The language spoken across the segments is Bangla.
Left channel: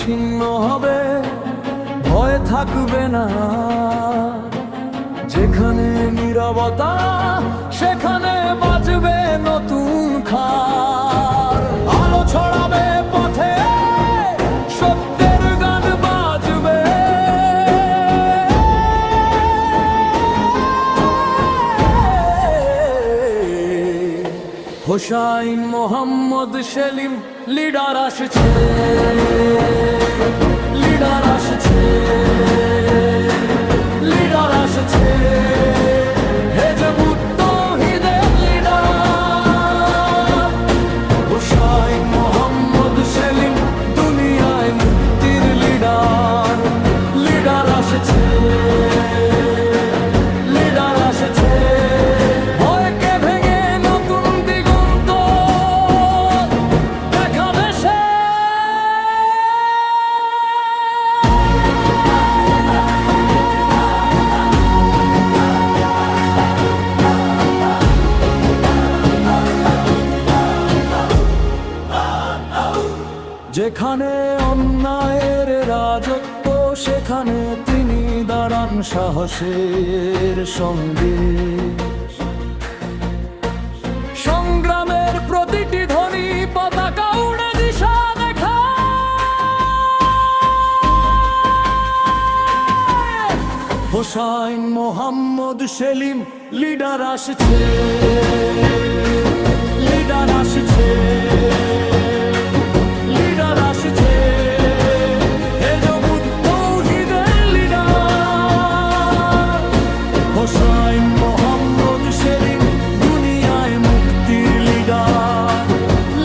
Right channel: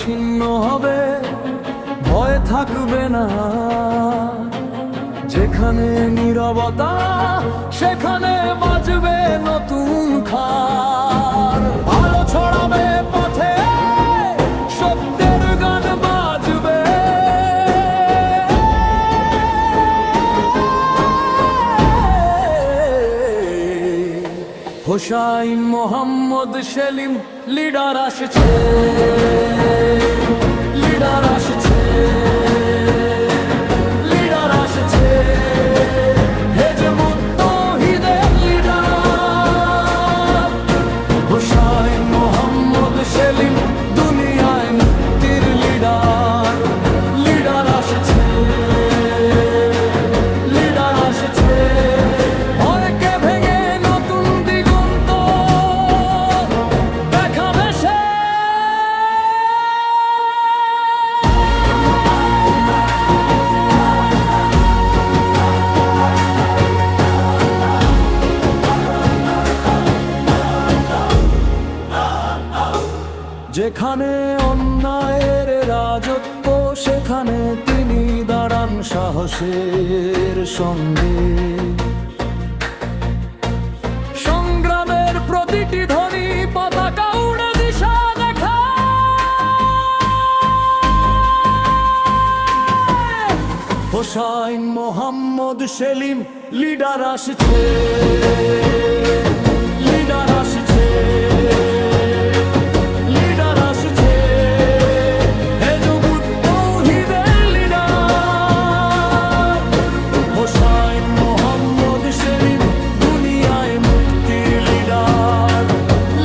ছিন্ন হবে ভয় থাকবে না। যেখানে নিরবতা সেখানে বাজবে নতুন খার হোসাইন মোহাম্মদ সেলিম, লিডার আসছে লিডার আসছে লিডার আসছে। সেলিম, দুনিয়ায় মুক্তির লিডার লিডার আসছে। যেখানে অন্যায়ের রাজত্ব, সেখানে তিনি দাঁড়ান সাহসের সঙ্গে। সংগ্রামের প্রতিটি ধ্বনি পতাকা উড়ে দিশা দেখা। হোসাইন মোহাম্মদ সেলিম, লিডার আসছে লিডার আসছে। মোহাম্মদ সেলিম দুনিয়ায় মুক্তির লিডার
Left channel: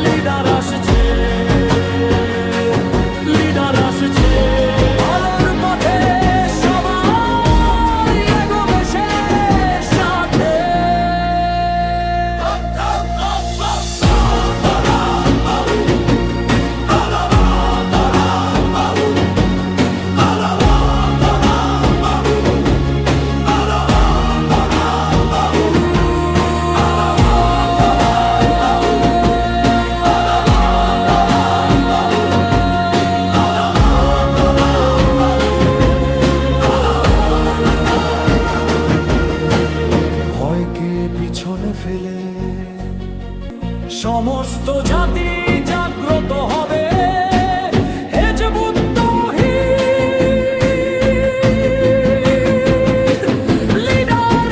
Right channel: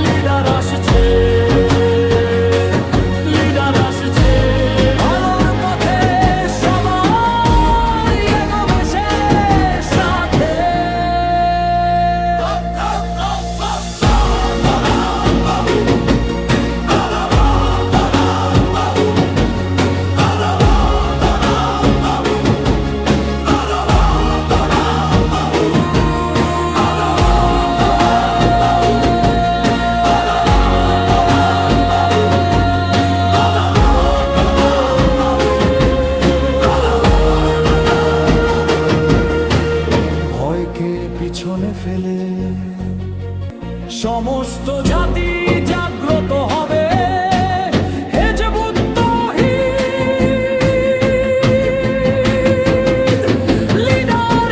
লিডার আসছে। পিছনে ফেলে। সমস্ত জাতি জাগ্রত হবে। তৌহিদ লিডার